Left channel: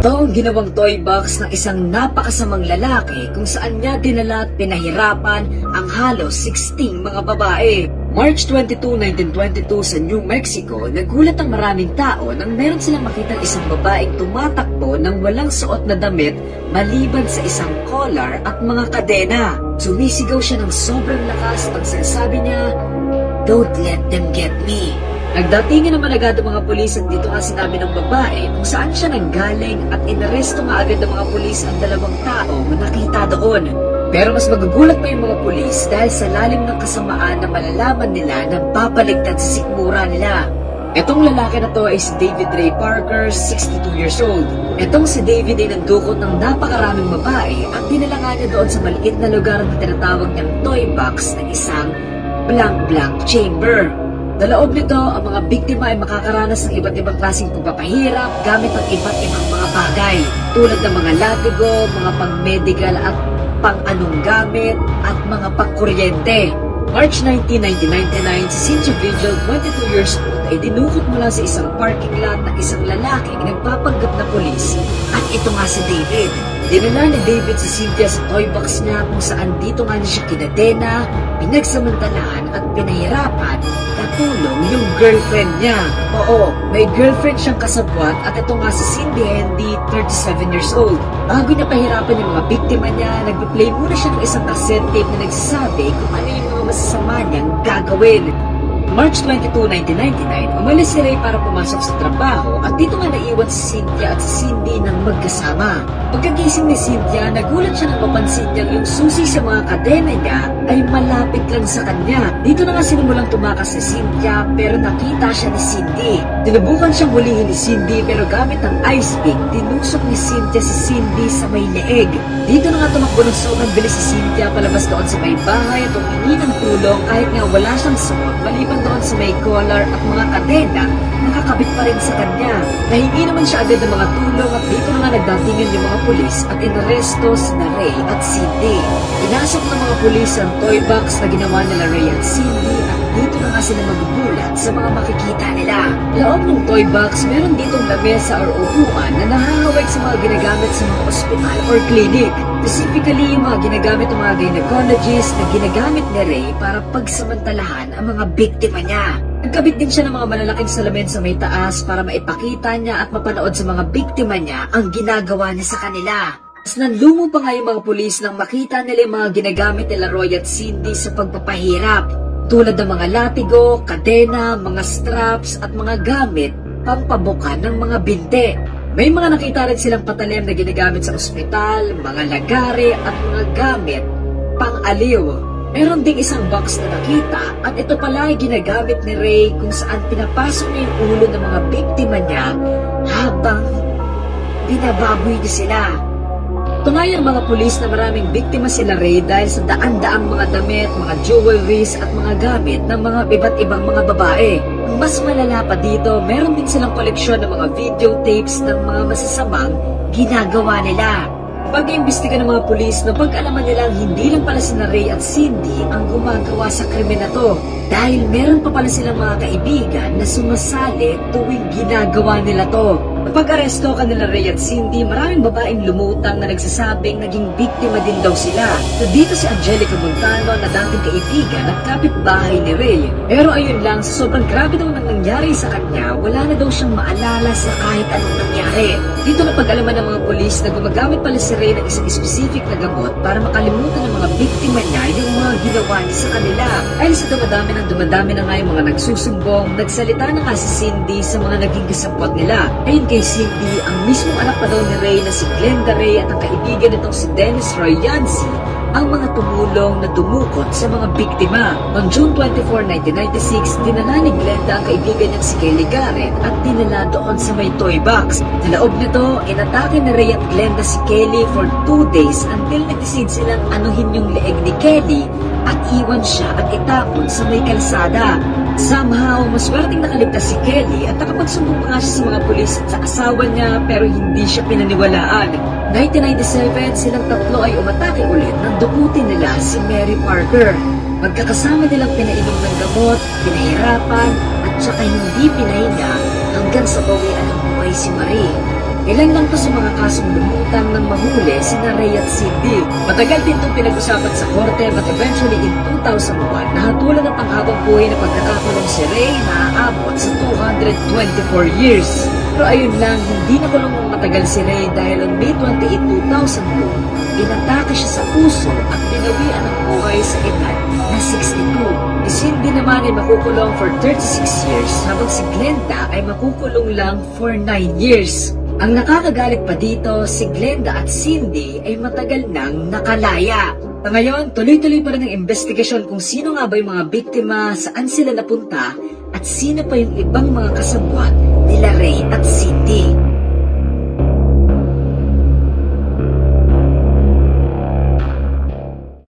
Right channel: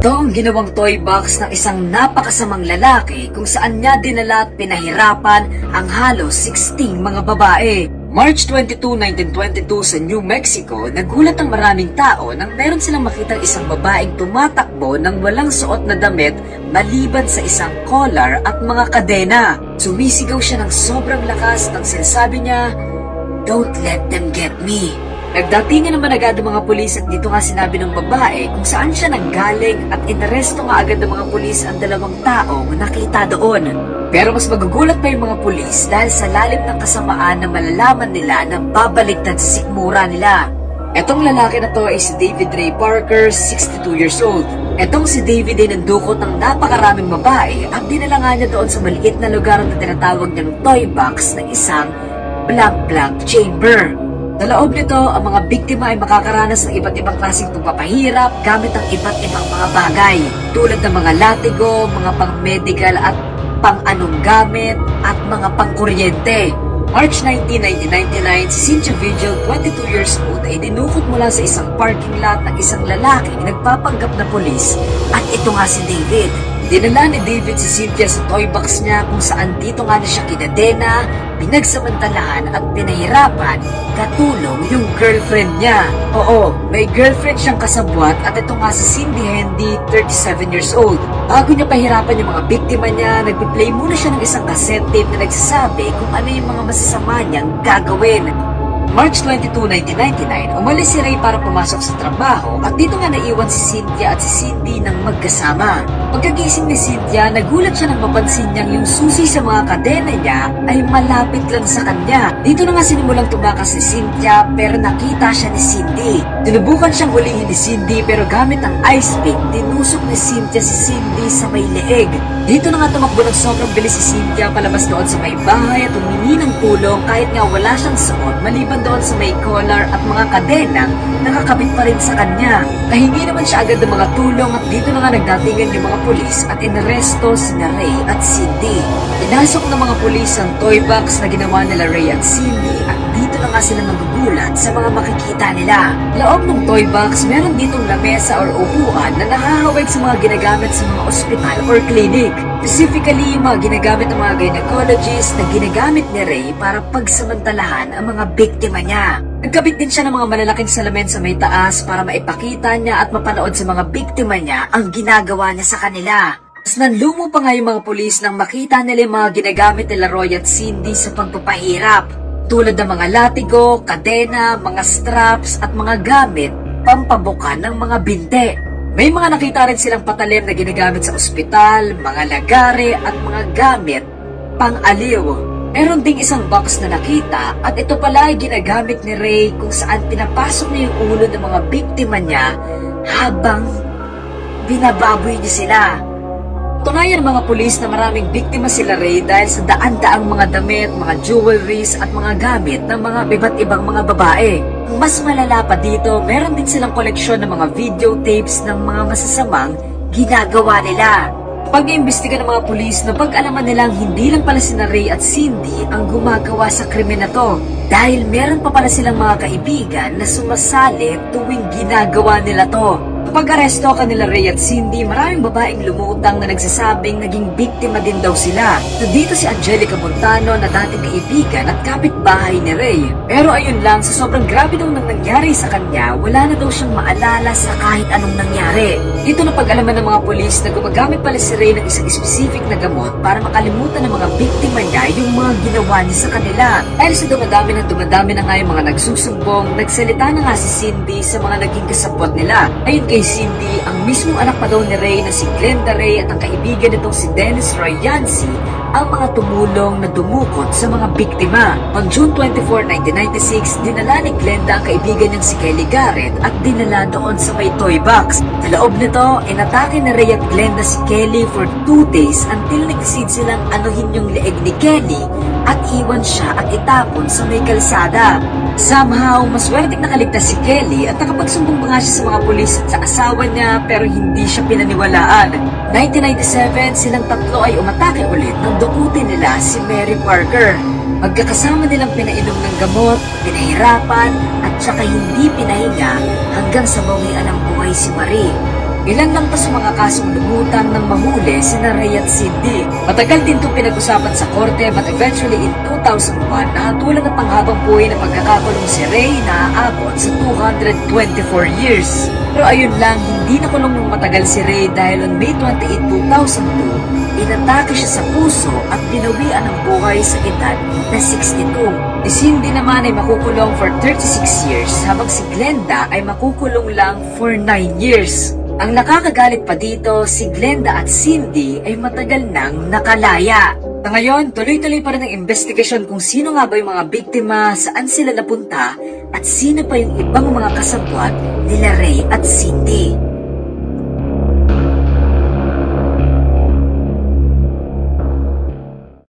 Ito ang ginawang toy box ng isang napakasamang lalaki kung saan niya dinala at pinahirapan ang halos 16 mga babae. March 22, 1922 sa New Mexico, nagulat ang maraming tao nang meron silang makita isang babaeng tumatakbo ng walang suot na damit maliban sa isang collar at mga kadena. Sumisigaw siya ng sobrang lakas nang sinasabi niya, "Don't let them get me." Nagdatingan naman agad ang mga pulis at dito nga sinabi ng babae kung saan siya nanggaling at inaresto nga agad ng mga pulis ang dalawang taong nakita doon. Pero mas magugulat pa yung mga pulis dahil sa lalim ng kasamaan na malalaman nila na babaligtad sa sikmura nila. Etong lalaki na to ay si David Ray Parker, 62 years old. Etong si David ay nandukot ng napakaraming babae at dinala nga niya doon sa maliit na lugar na tinatawag ng toy box ng isang blank chamber. Sa loob nito, ang mga biktima ay makakaranas ng iba't ibang klaseng pagpapahirap gamit ang iba't ibang mga bagay tulad ng mga latigo, mga pang-medical at pang-anong gamit at mga pang-kuryente. March 19, 1999, si Cynthia Vigil, 22 years old, ay dinukot mula sa isang parking lot ng isang lalaking nagpapanggap na polis at ito nga si David. Dinala ni David si Cynthia sa toy box niya kung saan dito nga na siya kinadena, pinagsamantalahan at pinahirapan katulong yung girlfriend niya. Oo, may girlfriend siyang kasabwat at ito nga si Cindy Hendy, 37 years old. Bago niya pahirapan yung mga biktima niya, nag-play muna siya ng isang cassette tape na nagsasabi kung ano yung mga masasama niyang gagawin. March 22, 1999, umalis si Ray para pumasok sa trabaho at dito nga naiwan si Cynthia at si Cindy ng magkasama. Pagkagising ni Cynthia, nagulat siya nang mapansin niyang yung susi sa mga kadena niya ay malapit lang sa kanya. Dito na nga sinimulang tumakas si Cynthia pero nakita siya ni Cindy. Sinubukan siyang hulihin ni Cindy pero gamit ang ice pick, tinusok ni Cynthia si Cindy sa may leeg. Dito na nga tumakbo ng sobrang bilis si Cynthia palabas doon sa may bahay at humingi ng tulong kahit nga wala siyang suot maliban doon sa may collar at mga kadena nakakabit pa rin sa kanya. Nahingi naman siya agad ng mga tulong at dito na nga nagdatingan yung mga pulis at inaresto sina Ray at Cindy. Pinasok ng mga pulis ang toy box na ginawa nila Ray at Cindy at dito na nga sila magugulat sa mga makikita nila. Loob ng toy box, meron ditong lamesa or upuan na nahahawag sa mga ginagamit sa mga ospital or clinic. Specifically, yung mga ginagamit ng mga gynecologist na ginagamit ni Ray para pagsamantalahan ang mga biktima niya. Nagkabit din siya ng mga malalaking salamin sa may taas para maipakita niya at mapanood sa mga biktima niya ang ginagawa niya sa kanila. Mas nanlumo pa nga yung mga pulis nang makita nila yung mga ginagamit nila Roy at Cindy sa pagpapahirap. Tulad ng mga latigo, kadena, mga straps at mga gamit pampabuka ng mga binte. May mga nakita rin silang patalim na ginagamit sa ospital, mga lagare at mga gamit pang-aliw. Meron ding isang box na nakita at ito pala ay ginagamit ni Ray kung saan pinapasok niya yung ulo ng mga biktima niya habang binababoy niya sila. Tunayan ng mga pulis na maraming biktima sila Ray dahil sa daan-daang mga damit, mga jewelries at mga gamit ng mga iba't ibang mga babae. Mas malala pa dito, meron din silang koleksyon ng mga videotapes ng mga masasamang ginagawa nila. Pag-iimbestiga ng mga pulis, napag-alaman nilang hindi lang pala sina Ray at Cindy ang gumagawa sa krimen na to dahil meron pa pala silang mga kaibigan na sumasali tuwing ginagawa nila to. Pag-aresto kanila Ray at Cindy, maraming babaeng lumutang na nagsasabing naging biktima din daw sila. Nandito si Angelica Montano na dating kaibigan at kapitbahay ni Ray. Pero ayun lang, sa sobrang grabe daw nang nangyari sa kanya, wala na daw siyang maalala sa kahit anong nangyari. Ito na pag-alaman ng mga pulis na gumagamit pala si Ray ng isang specific na gamot para makalimutan ng mga biktima niya yung mga ginawa niya sa kanila. Dahil sa dumadami na nga yung mga nagsusumbong, nagsalita na nga si Cindy sa mga naging kasapot nila. Ayun kay Cindy, ang mismo anak pa daw ni Ray na si Glenda Ray at ang kaibigan nitong si Dennis Roy Yancey ang mga tumulong na dumukot sa mga biktima. Noong June 24, 1996, dinala ni Glenda ang kaibigan niyang si Kelly Garrett at dinala doon sa may toy box. Sa loob nito, inatake na Ray at Glenda si Kelly for 2 days until nag-decide silang anuhin yung leeg ni Kelly at iwan siya at itapon sa may kalsada. Somehow, maswerteng nakaligtas si Kelly at nakapagsumbong pa nga siya sa mga pulis at sa asawa niya pero hindi siya pinaniwalaan. 1997, silang tatlo ay umatake ulit nang dukutin nila si Mary Parker. Magkakasama nilang pinainom ng gamot, pinahirapan at saka hindi pinahinga hanggang sa bawian ng buhay si Marie. Ilan lang to sa mga kasong lumutang ng mahuli sina Ray at Cindy. Matagal din itong pinag-usapan sa korte but eventually in 2001, nahatulan ng panghabang buhay na pagkakakulong si Ray na aabot sa 224 years. Pero ayun lang, hindi nakulong ng matagal si Ray dahil on May 28, 2002, inatake siya sa puso at pinawian ng buhay sa edad na 62. Si Cindy naman ay makukulong for 36 years habang si Glenda ay makukulong lang for 9 years. Ang nakakagalit pa dito, si Glenda at Cindy ay matagal nang nakalaya. Sa ngayon, tuloy-tuloy pa rin ang investigasyon kung sino nga ba yung mga biktima, saan sila napunta, at sino pa yung ibang mga kasabwat nila Ray at Cindy.